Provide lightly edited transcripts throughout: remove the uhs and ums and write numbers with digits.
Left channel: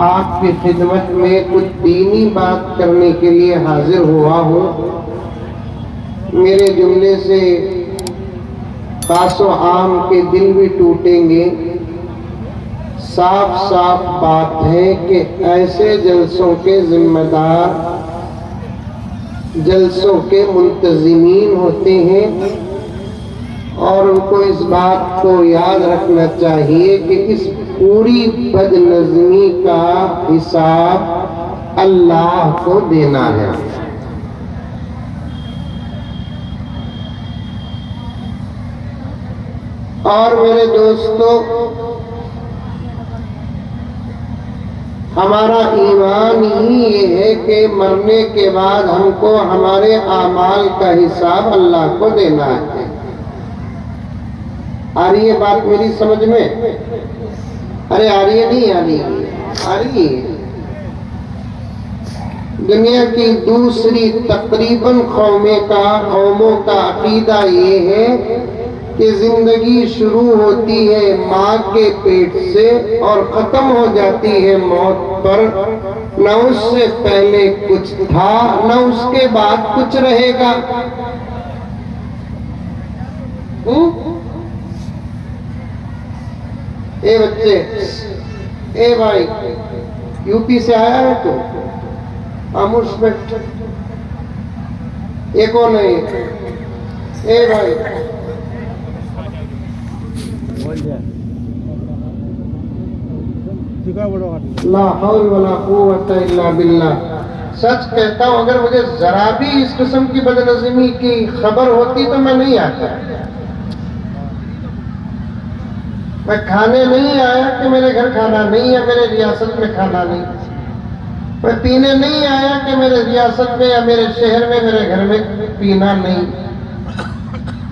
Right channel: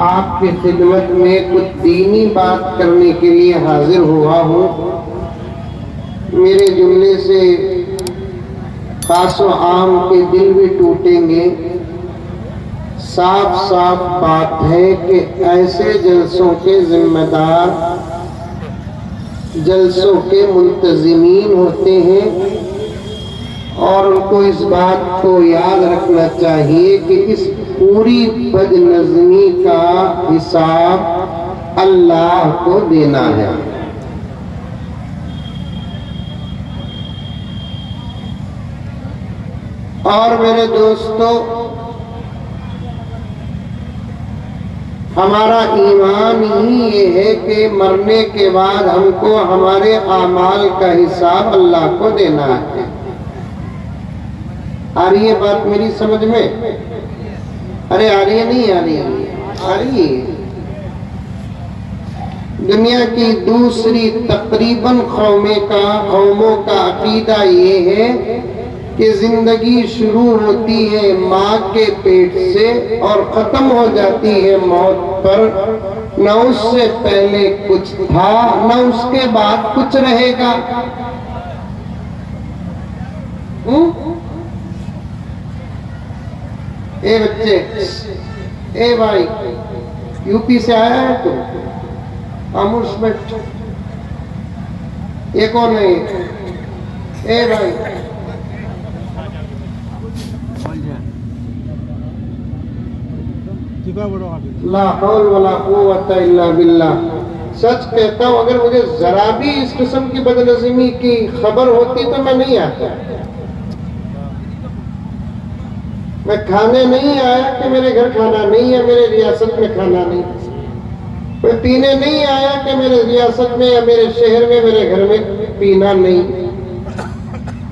आपकी खिदमत में कुछ दीनी बात करने के लिए हाजिर हुआ हूँ। मेरे जुमले से खासो आम के दिल भी टूटेंगे। साफ साफ बात है कि ऐसे जलसों के जिम्मेदार, जलसों के मुंतजिमीन होते हैं और उनको इस बात को याद रखना चाहिए कि इस पूरी बदनज़मी का हिसाब अल्लाह को देना है। और मेरे दोस्तों, हमारा ईमान ही ये है कि मरने के बाद हमको हमारे आमाल का हिसाब अल्लाह को देना है। आ रही है बात मेरी समझ में? अरे आ रही है, नहीं आ रही है? आ रही है। दुनिया की दूसरी तकरीबन कौमों का अकीदा ये है कि जिंदगी शुरू होती है माँ के पेट से और खत्म हो जाती है मौत पर। न उससे पहले कुछ था, न उसके बाद कुछ रहेगा। ए बच्चे, ए भाई, यूपी से आया है तू? खामोश बैठ। ये कौन है? ए भाई, ला हौल वला कुव्वता इल्ला बिल्लाह। सच कहता हूँ, अगर मुझे जरा भी इस किस्म की बदनज़मी की खबर होती तो मैं नहीं आता। मैं खाने नहीं आया कि मेरे घर खाना नहीं है, मेरे रियासत में खाना नहीं। मैं पीने नहीं आया कि मेरे रियासत में या मेरे शहर में, मेरे घर में पीना नहीं।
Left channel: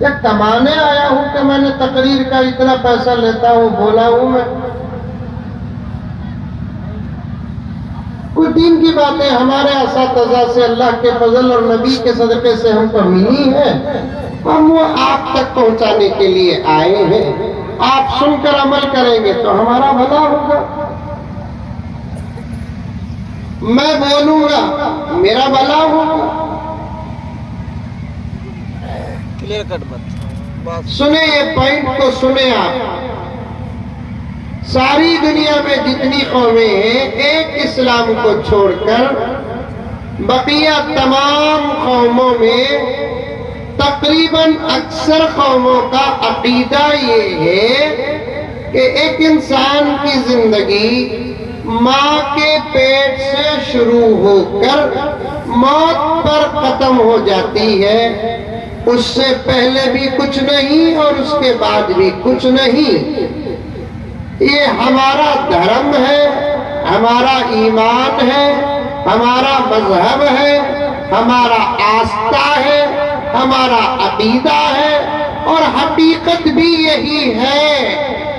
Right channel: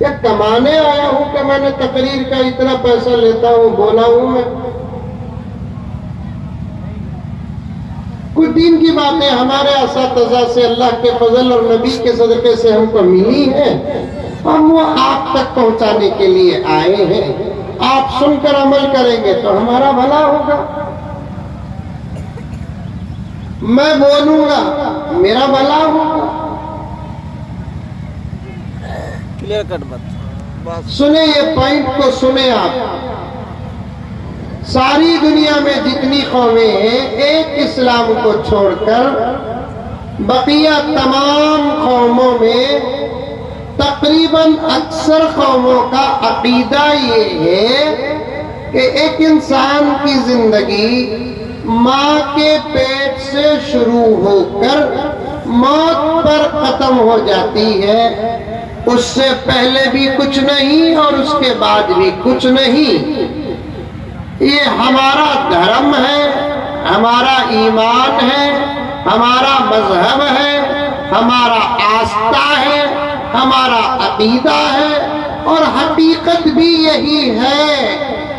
या कमाने आया हूं कि मैंने तकरीर का इतना पैसा लेता हूं, बोला हूं मैं। कुछ दिन की बातें हमारे असातिज़ा से अल्लाह के फजल और नबी के सदक़े से हमको मिली है, हम वो आप तक पहुंचाने के लिए आए हैं। आप सुनकर अमल करेंगे तो हमारा भला होगा। मैं बोलूंगा मेरा भला होगा। क्लियर कट बात सुने, ये पॉइंट को सुने आप। सारी दुनिया में जितनी कौमें हैं, एक इस्लाम को छोड़कर बकिया तमाम कौमों में तकरीबन अक्सर कौमों का अकीदा ये है कि एक इंसान की जिंदगी माँ के पेट से शुरू होकर मौत पर खत्म हो जाती है। उससे पहले भी कुछ नहीं और उसके बाद भी कुछ नहीं। ये हमारा धर्म है, हमारा ईमान है, हमारा मजहब है, हमारा आस्था है, हमारा अकीदा है। और हकीकत भी यही है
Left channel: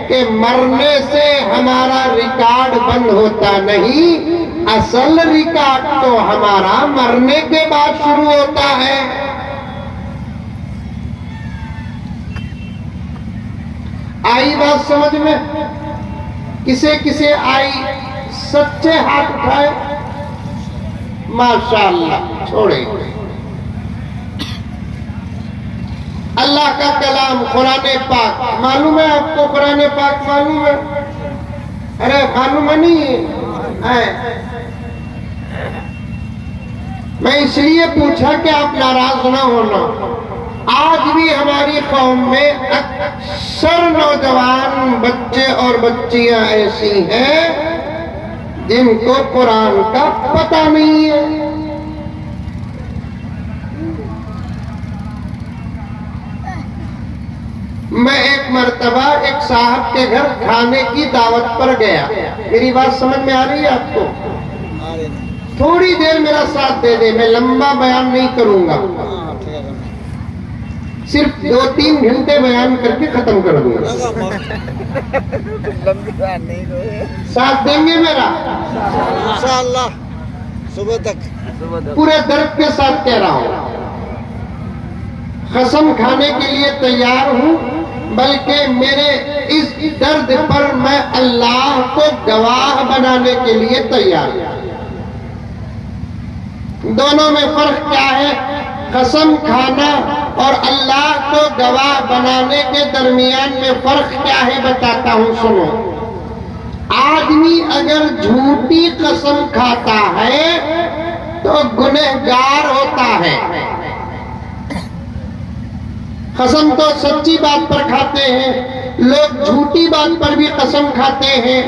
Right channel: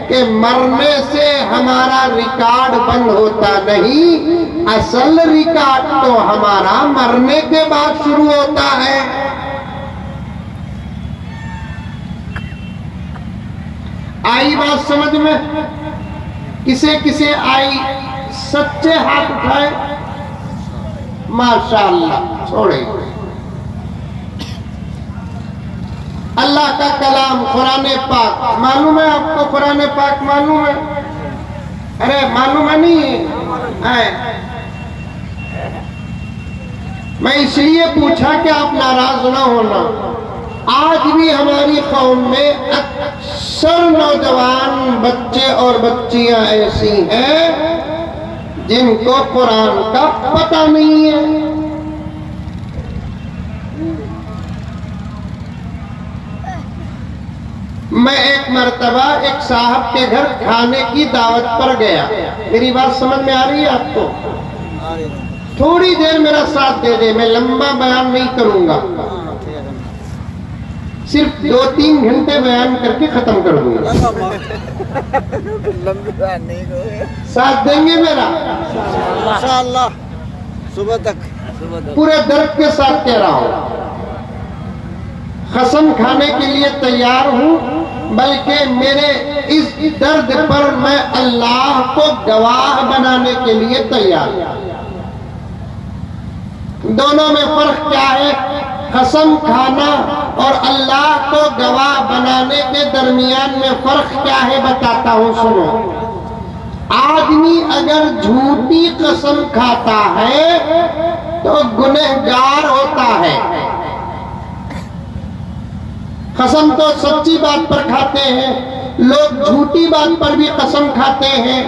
कि मरने से हमारा रिकॉर्ड बंद होता नहीं, असल रिकॉर्ड तो हमारा मरने के बाद शुरू होता है। आई बात समझ में? किसे किसे आई? सच्चे हाथ उठाए। माशाअल्लाह। छोड़े। अल्लाह का कलाम कुरान पाक मालूम है आपको? कुरान पाक मालूम है? अरे मालूम है नहीं है? मैं इसलिए पूछा कि आप नाराज ना होना। आज भी हमारी कौम में अक्सर नौजवान बच्चे और बच्चियां ऐसी हैं जिनको कुरान का पता नहीं है। मैं एक मर्तबा एक साहब के घर खाने की दावत पर गया। मेरी बात समझ में आ रही है आपको? थोड़ी देर मेरा साथ दे दे, मैं लंबा बयान नहीं करूंगा, सिर्फ 2-3 घंटे बयान करके खत्म कर दूंगा। साथ देंगे मेरा? इंशाअल्लाह सुबह तक। पूरे दर्द के साथ कह रहा हूं, कसम खाने के लिए तैयार हूं। बल्कि मेरे इस दर्द पर मैं अल्लाह को गवाह बनाने के लिए तैयार हूं। दोनों में फर्क क्या है? कसम खाना और अल्लाह को गवाह बनाने के दरमियान में फर्क क्या है बताता हूं, सुनो। आदमी अगर झूठी कसम खाता है तो गुनहगार होता है। कसम तो सच्ची बात पर खाते हैं, लोग झूठी बात पर भी कसम खाते हैं।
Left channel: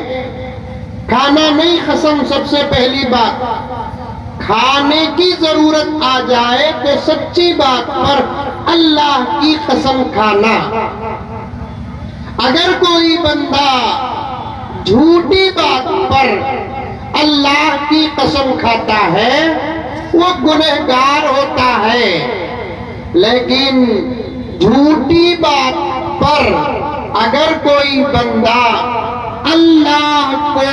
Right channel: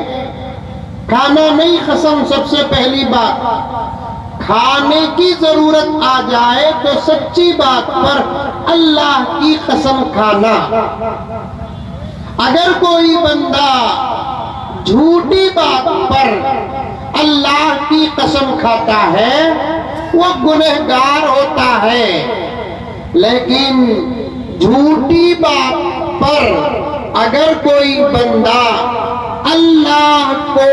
खाना नहीं कसम, सबसे पहली बात खाने की जरूरत आ जाए तो सच्ची बात पर अल्लाह की कसम खाना। अगर कोई बंदा झूठी बात पर अल्लाह की कसम खाता है वो गुनहगार होता है। लेकिन झूठी बात पर अगर कोई बंदा अल्लाह को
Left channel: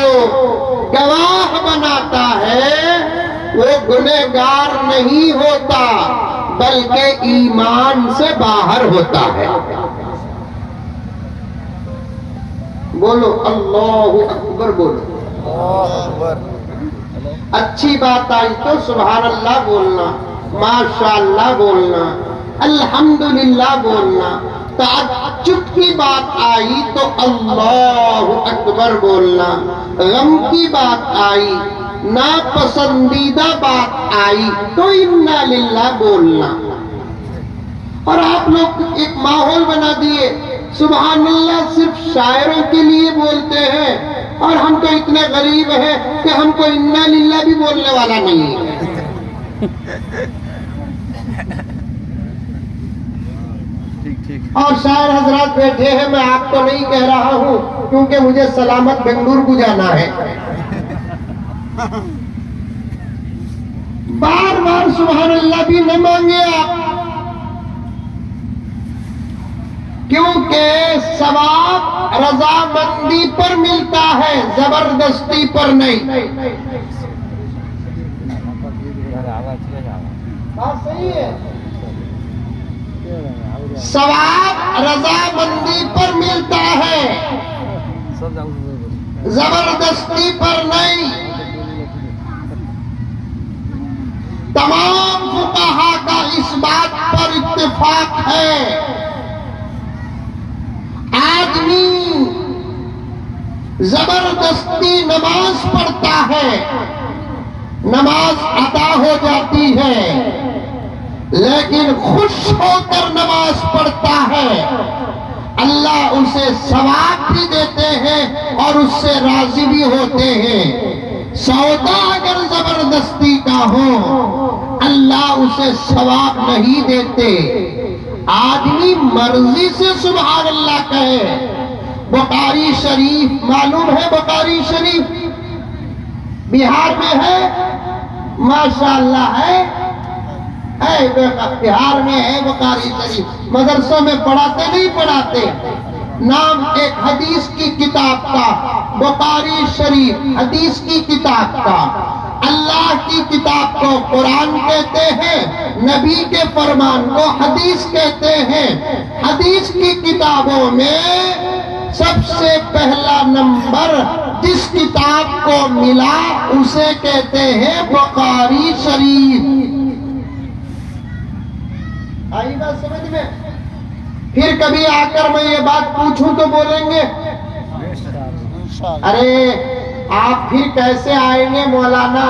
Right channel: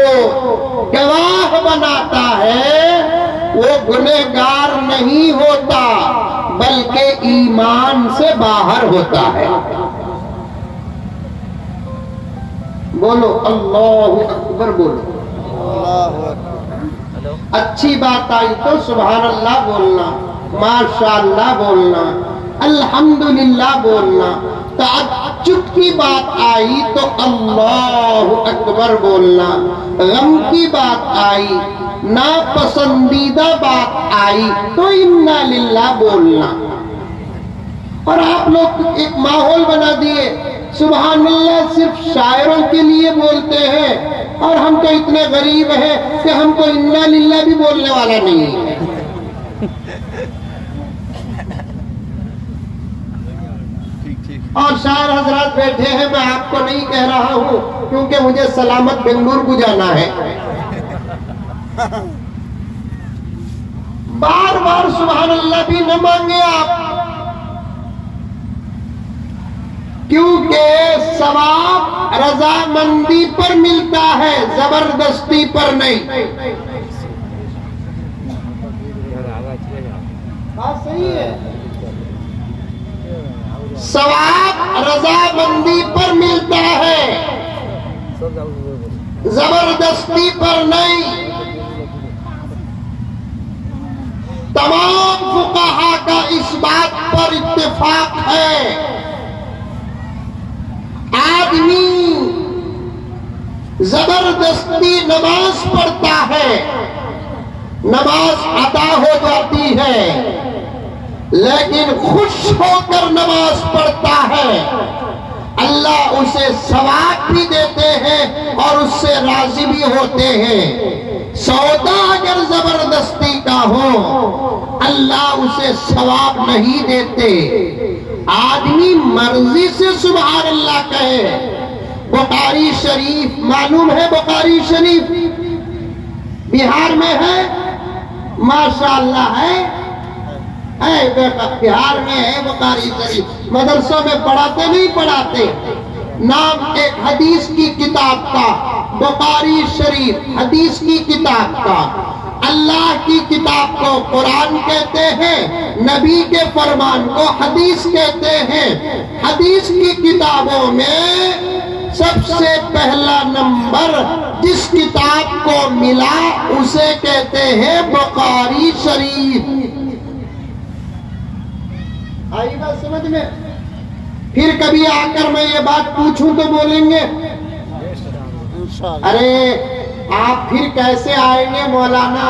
गवाह बनाता है वो गुनहगार नहीं होता बल्कि ईमान से बाहर होता है। बोलो अल्लाहु अकबर, बोलो। अच्छी बात आई तो सुभान अल्लाह बोलना, माशाअल्लाह बोलना, अल्हम्दुलिल्लाह बोलना। ताज्जुब की बात आई तो अल्लाहु अकबर बोलना। गम की बात आई, नापसंदीदा बात आई तो इन्ना लिल्लाह बोलना। और आप लोग एक माहौल बना दिए, सुभान अल्लाह सिर्फ शायरों के लिए बोलते हैं और हम तो इतने गरीब हैं कि हमको इन्ना लिल्लाह भी बोलने वाला नहीं है। और शायर हजरात बैठे हैं, मैं आपको नहीं कह रहा हूं क्योंकि मुझे सलामत बेंगलुरु को जाना है। बार बार सुभान अल्लाह भी न मांगे आप, क्योंकि सवाब रजामंदी पर मिलता है, जबरदस्ती पर नहीं। बात सही है। सवाब रजामंदी पर मिलता है, जबरदस्ती पर नहीं। तमाम फुक़हा का इस बात पर इत्तेफाक है। आदमी जबरदस्ती नमाज पढ़ता है, नमाज अदा हो जाती है, लेकिन खुश होकर नमाज पढ़ता है, अल्लाह उसे सवाब भी देते हैं और उससे राजी भी होते हैं। सौदा अगर जबरदस्ती का हो अल्लाह उसे सवाब नहीं देते। आदमी मर्जी से सुभान अल्लाह कहे। बुखारी शरीफ मालूम है, बुखारी शरीफ बिहार में है, माशाअल्लाह है बिहार में है बुखारी शरीफ। मदरसों में पढ़ाते नहीं पढ़ाते, नाम एक हदीस की किताब का, बुखारी शरीफ हदीस की किताब का। अल्लाह की किताब को कुरान कहते हैं, नबी के फरमान को हदीस कहते हैं। हदीस की किताबों में सबसे पहला नंबर जिस किताब को मिला उसे कहते हैं बुखारी शरीफ। आई बात समझ में? फिर कभी आकर मैं ये बात पूछूं तो बोलेंगे अरे आप फिर कैसे आएंगे मौलाना,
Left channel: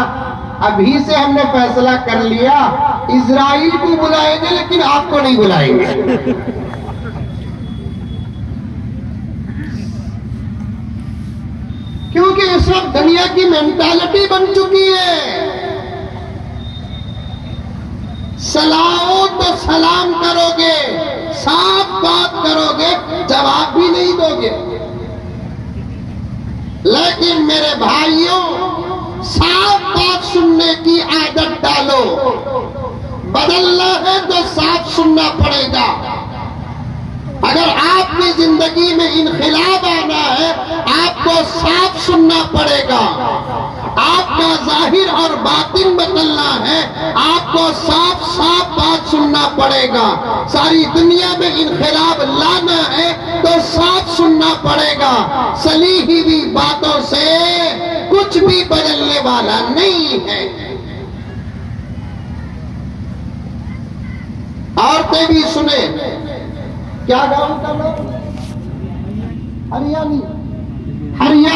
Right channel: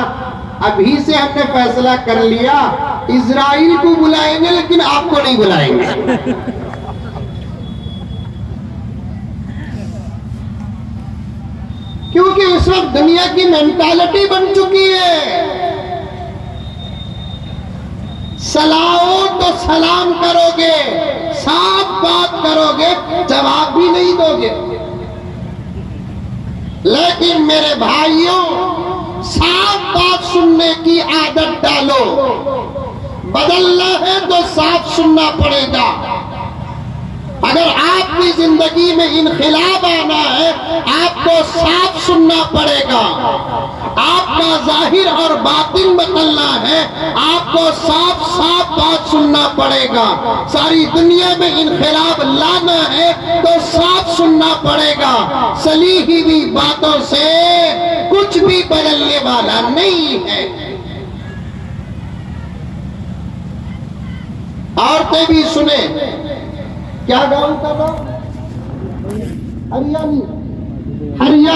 अभी से हमने फैसला कर लिया इजराइल को बुलाएंगे लेकिन आपको नहीं बुलाएंगे। क्योंकि इस वक्त दुनिया की मेंटालिटी बन चुकी है, सलाओ तो सलाम करोगे, साफ बात करोगे, जवाब भी नहीं दोगे। लेकिन मेरे भाइयों, साफ बात सुनने की आदत डालो। बदलना है तो साफ सुनना पड़ेगा। अगर आपकी जिंदगी में इनखिलाब आना है आपको साफ सुनना पड़ेगा। आपका जाहिर और बातिन बदलना है आपको साफ साफ बात सुनना पड़ेगा। सारी दुनिया में इनखिलाब लाना है तो साफ सुनना पड़ेगा। चली ही हुई बातों से कुछ भी बदलने वाला नहीं है। औरतें भी सुने, क्या गाँव का नाम? हरियाणी, हरियाणा।